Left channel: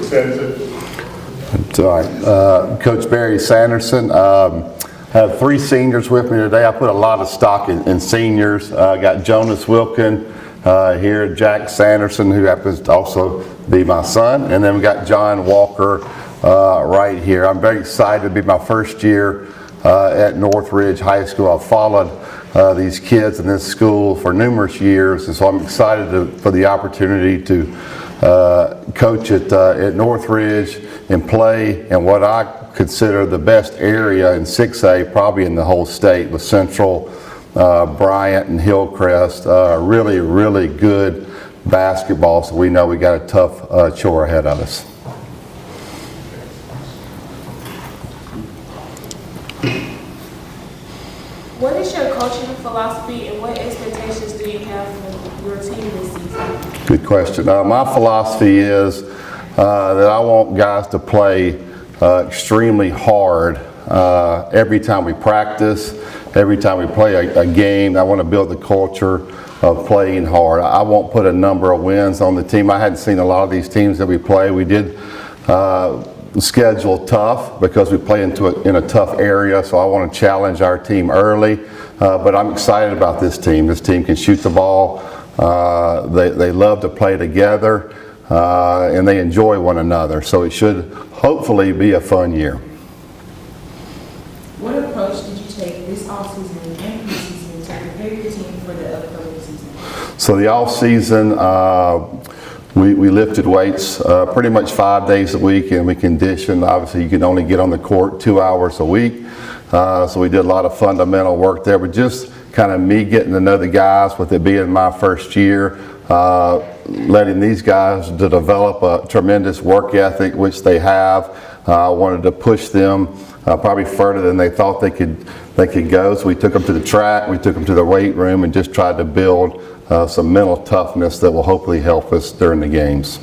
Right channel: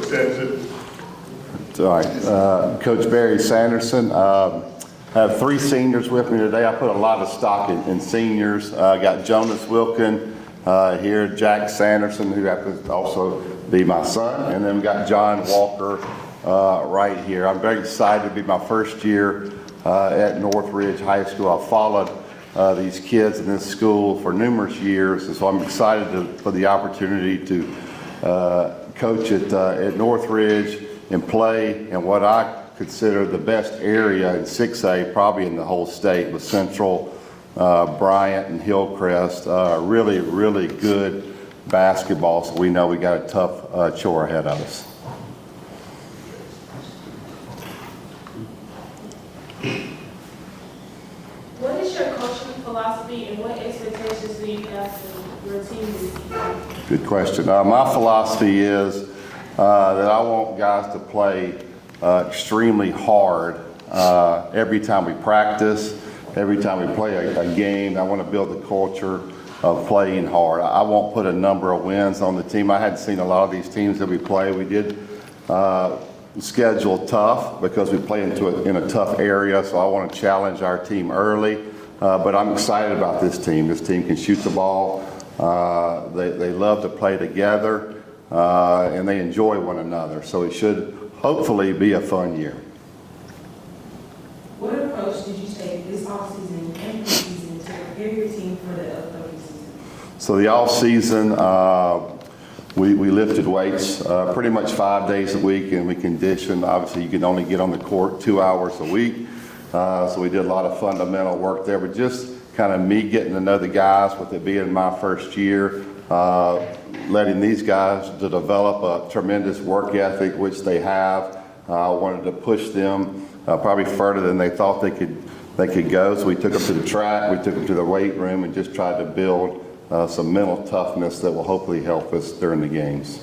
Coach Sanderson. It's all right. Coach Barry Sanderson. I have 3 seniors with me today. I put a lot of stock in seniors. Got Jonas Wilkin here, Jack Sanderson, who happens to also be my son, and then we got John Walker right here. I'm very excited to be my first year at Northridge High School. I've followed these kids in this school for numerous years, and so I'm excited for the opportunity to coach at Northridge and play in what I consider the best area in 6A, probably in the whole state, with Central, Bryant, and Hillcrest. Really, really good basketball, so we know we got a tough chore ahead of us. What is your coaching philosophy and what expectations do you have for your team this season? Good question. My philosophy is that I want guys to play extremely hard every time we practice, every time we play a game. I want to build the culture of playing hard. I won't put a number of wins on the team. I hadn't seen a lot of these teams that we play. We did schedule tough because we play in a tough area, so I want to challenge our team early. But I'm excited about this team. This team can shoot the ball. They love to play together, and they enjoy one another. So it should hopefully be a fun year. What approach did you take this offseason and this season to prepare your team for the upcoming season? So the off season, we lifted weights pretty much 5 days a week, and we conditioned. Obviously, you can only get on the court 2 hours a week. So we did a lot of fundamental work there, but just kind of me getting to know the guys, with it being my first year, letting these guys to develop a tremendous work ethic, which they have. Wanted to push them probably further than they thought they could go. So we took them to the track, we took them to the weight room, and just tried to build some mental toughness that will hopefully help us during the games.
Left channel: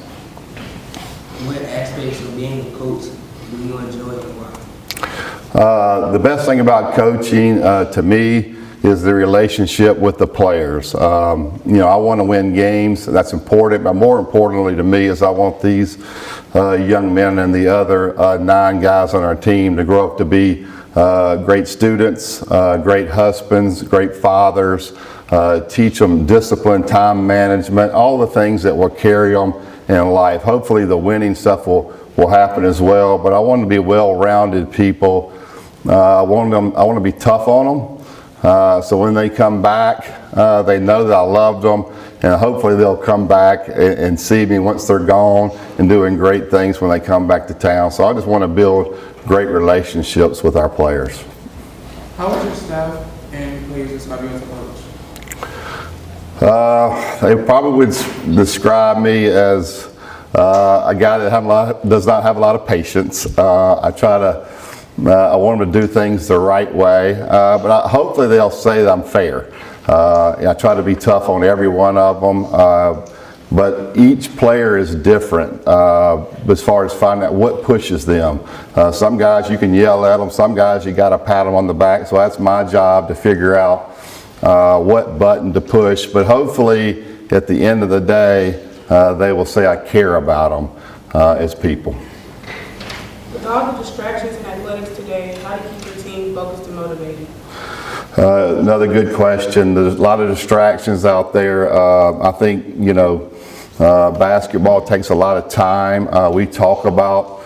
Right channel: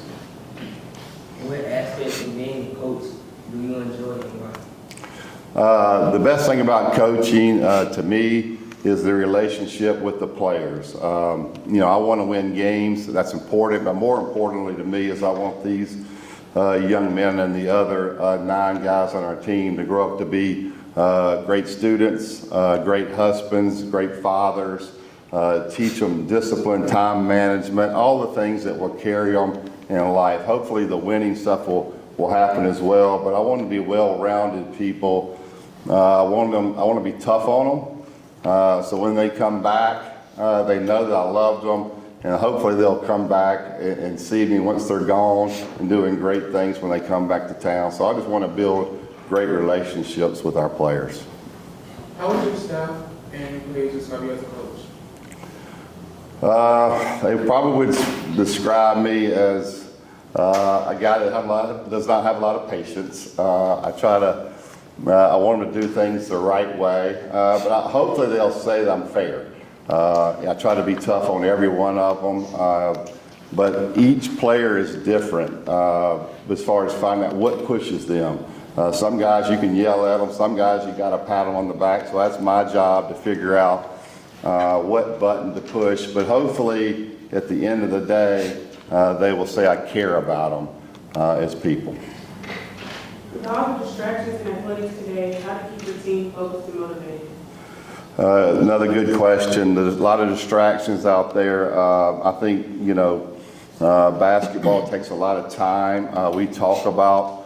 What aspects of being a coach do you enjoy and why? The best thing about coaching to me is the relationship with the players. I want to win games. That's important, but more importantly to me is I want these young men and the other 9 guys on our team to grow up to be great students, great husbands, great fathers, teach them discipline, time management, all the things that will carry them in life. Hopefully the winning stuff will happen as well, but I want to be well-rounded people. I want to be tough on them. So when they come back, they know that I loved them, and hopefully they'll come back and see me once they're gone and doing great things when they come back to town. So I just want to build great relationships with our players. How would your staff and players describe you as a coach? They probably would describe me as a guy that does not have a lot of patience. I want them to do things the right way, but hopefully they'll say that I'm fair. I try to be tough on every one of them, but each player is different as far as finding out what pushes them. Some guys you can yell at them, some guys you got to pat them on the back, so that's my job to figure out what button to push, but hopefully at the end of the day they will say I care about them as people. With all the distractions in athletics today, how do you keep your team focused and motivated? Another good question. There's a lot of distractions out there. I think, basketball takes a lot of time. We talk about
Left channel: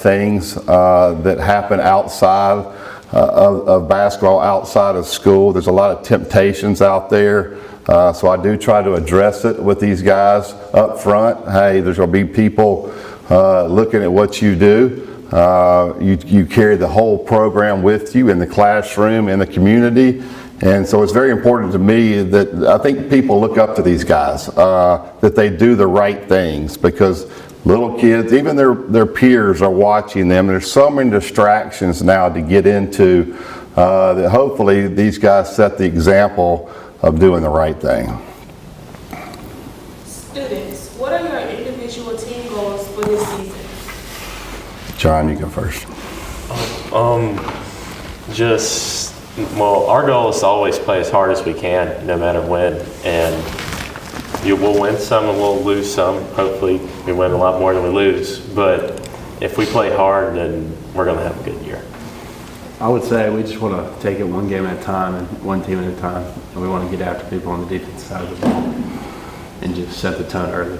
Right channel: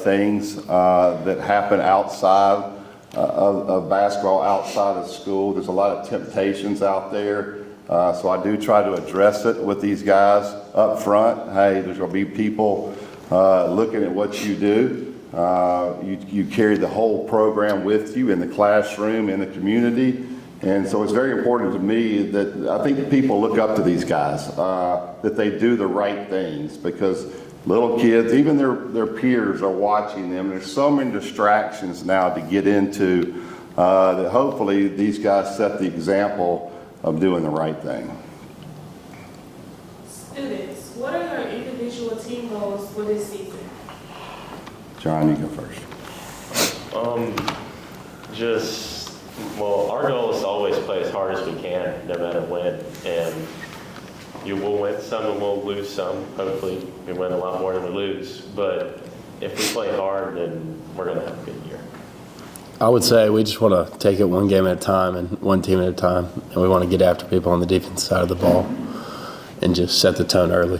things that happen outside of basketball, outside of school. There's a lot of temptations out there. So I do try to address it with these guys up front. Hey, there's going to be people looking at what you do. You carry the whole program with you in the classroom, in the community, and so it's very important to me that I think people look up to these guys, that they do the right things, because little kids, even their peers are watching them. There's so many distractions now to get into that hopefully these guys set the example of doing the right thing. Students, what are your individual team goals for this season? John, you go first. Our goal is to always play as hard as we can, no matter when. And You will win some and we'll lose some. Hopefully, we win a lot more than we lose. But if we play hard, then we're going to have a good year. I would say we just want to take it one game at a time and one team at a time. And we want to get after people on the defense side of the ball and just set the tone early.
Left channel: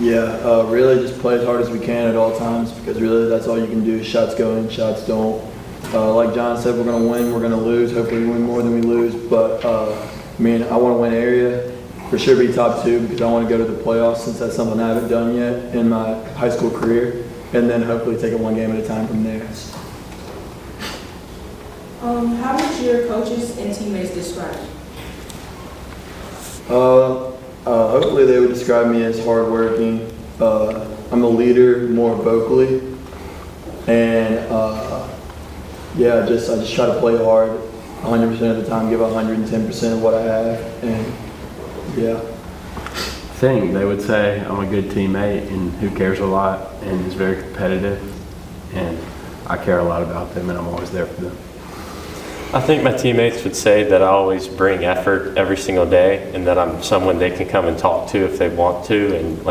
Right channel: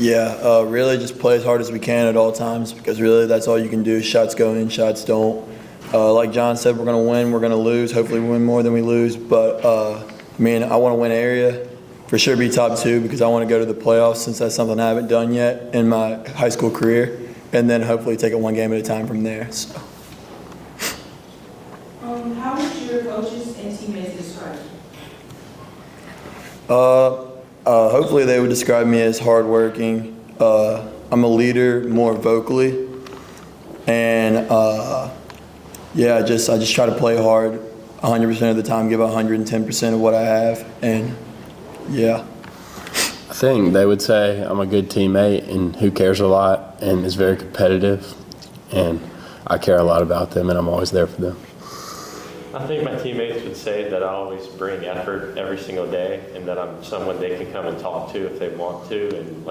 Yeah, really just play as hard as we can at all times because really that's all you can do. Shots go in, shots don't. Like John said, we're going to win, we're going to lose. Hopefully we win more than we lose. But, I want to win area. For sure be top 2 because I want to go to the playoffs since that's something I haven't done yet in my high school career. And then hopefully take it one game at a time from there. So. How would your coaches and teammates describe you? Hopefully they would describe me as hardworking. I'm a leader more vocally. And, I just try to play hard 100% of the time, give 110% of what I have. And, yeah. I think they would say I'm a good teammate and who cares a lot and is very competitive. And I care a lot about them and I'm always there for them. I think my teammates would say that I always bring effort every single day and that I'm someone they can come and talk to if they want to, and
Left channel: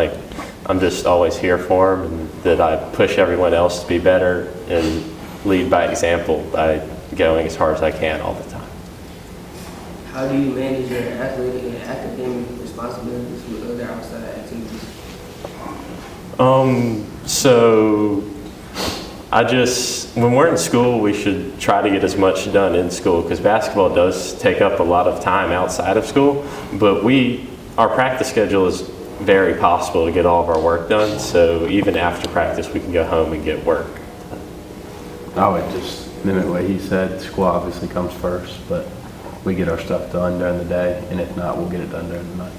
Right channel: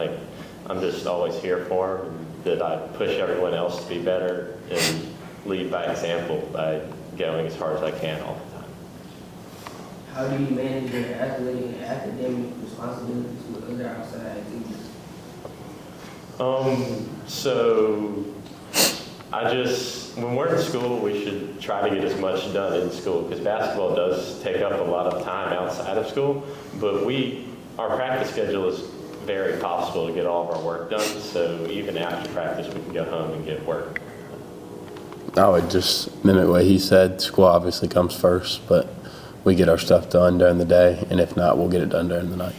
I'm just always here for them, and that I push everyone else to be better and lead by example by going as hard as I can all the time. How do you manage your athletic and academic responsibilities with other outside activities? When we're in school, we should try to get as much done in school because basketball does take up a lot of time outside of school, but our practice schedule is very possible to get all of our work done, so even after practice we can go home and get work. I would just mimic what he said. School obviously comes first, but we get our stuff done during the day, and if not, we'll get it done during the night.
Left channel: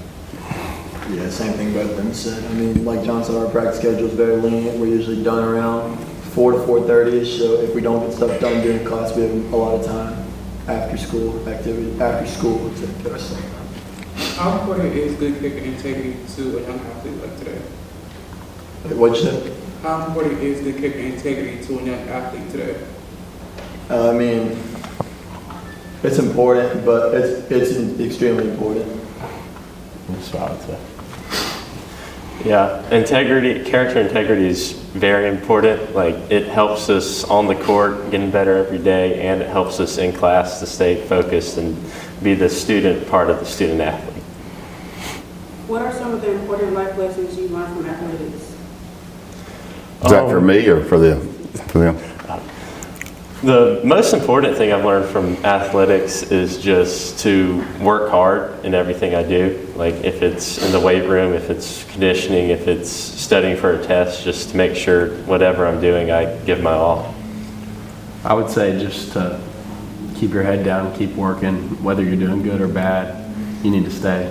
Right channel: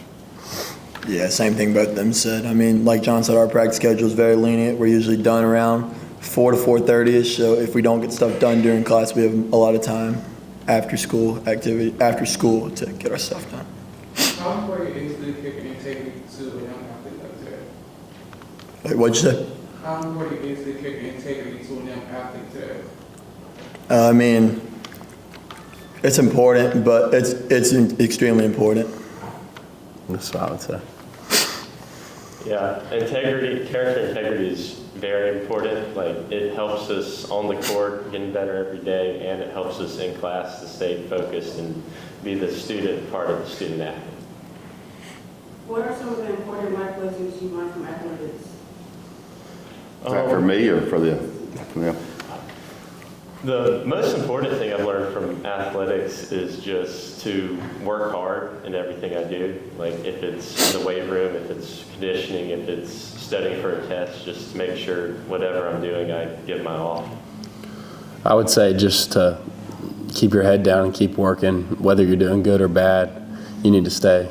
Yeah, same thing both of them said. Like John said, our practice schedule is very lenient. We're usually done around 4 to 4:30ish. So if we don't get stuff done during class, we have a lot of time after school to get our stuff done. How important is good kicking integrity to a young athlete like today? What'd you say? How important is good kicking integrity to a young athlete today? It's important, but it's extremely important. That's what I would say. Yeah, character integrity is very important. It helps us on the court getting better every day, and it helps us in class to stay focused and be the student part of the student athlete. What are some of the important life lessons you learned from athletics? Is that for me or for them? For them. The most important thing I've learned from athletics is just to work hard in everything I do. If it's in the weight room, if it's conditioning, if it's studying for a test, just to make sure whatever I'm doing, I give my all. I would say just to keep your head down and keep working, whether you're doing good or bad. You need to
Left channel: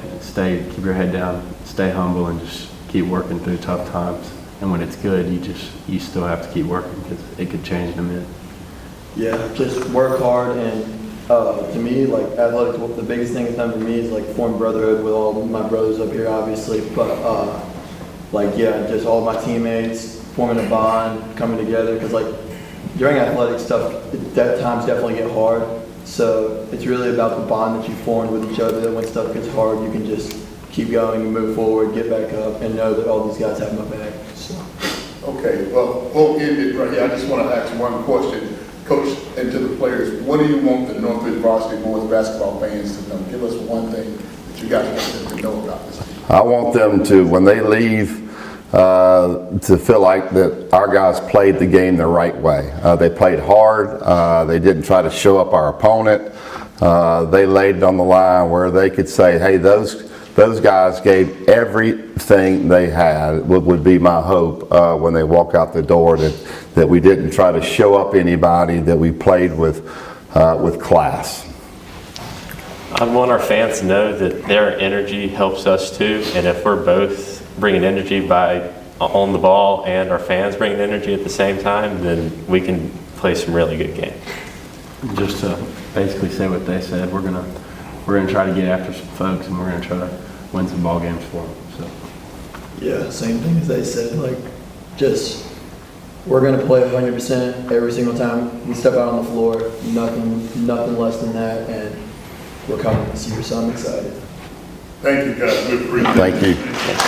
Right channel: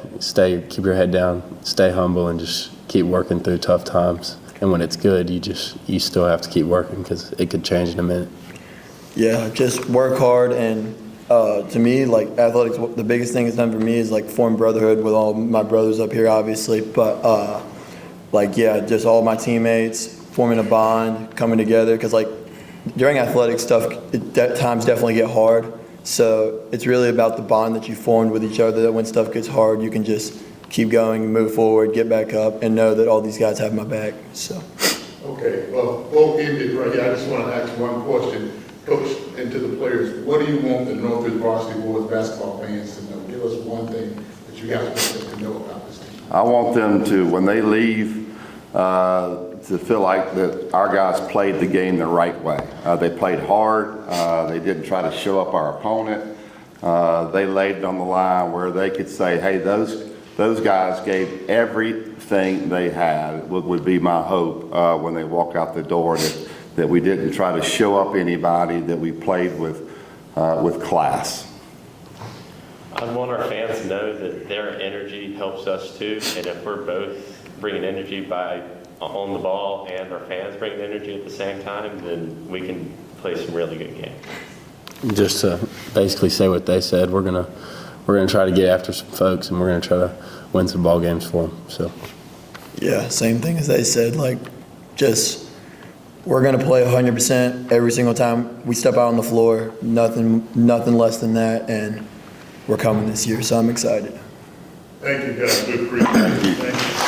keep your head down, stay humble, and just keep working through tough times. And when it's good, you still have to keep working because it could change in a minute. Yeah, just work hard, and to me, athletics, the biggest thing it's done for me is form brotherhood with all my brothers up here, obviously, but just all my teammates forming a bond, coming together, because during athletic stuff, times definitely get hard, so it's really about the bond that you formed with each other, that when stuff gets hard, you can just keep going, move forward, get back up, and know that all these guys have my back. So. Okay, well, we'll end it right here. I just want to ask one question. Coach, and to the players, what do you want the Northridge varsity boys basketball fans to know? Give us one thing that you guys want them to know about this team. I want them to, when they leave, to feel like that our guys played the game the right way. They played hard. They didn't try to show up our opponent. They laid it on the line where they could say, hey, those guys gave everything they had, would be my hope when they walk out the door, that we didn't try to show up anybody, that we played with class. I want our fans to know that their energy helps us too, and if we're both bringing energy on the ball and our fans bringing energy at the same time, then we can play some really good games. Just to basically say what they said, we're gonna try to get after some folks, and we're gonna try to win some ball games for them. So. Yeah, same thing as they said. We're gonna play 100% every single time we step out on the floor. Nothing less than that, and we're coming this year, so I'm excited. Thank you, guys. We appreciate it. Thank you. Thank you.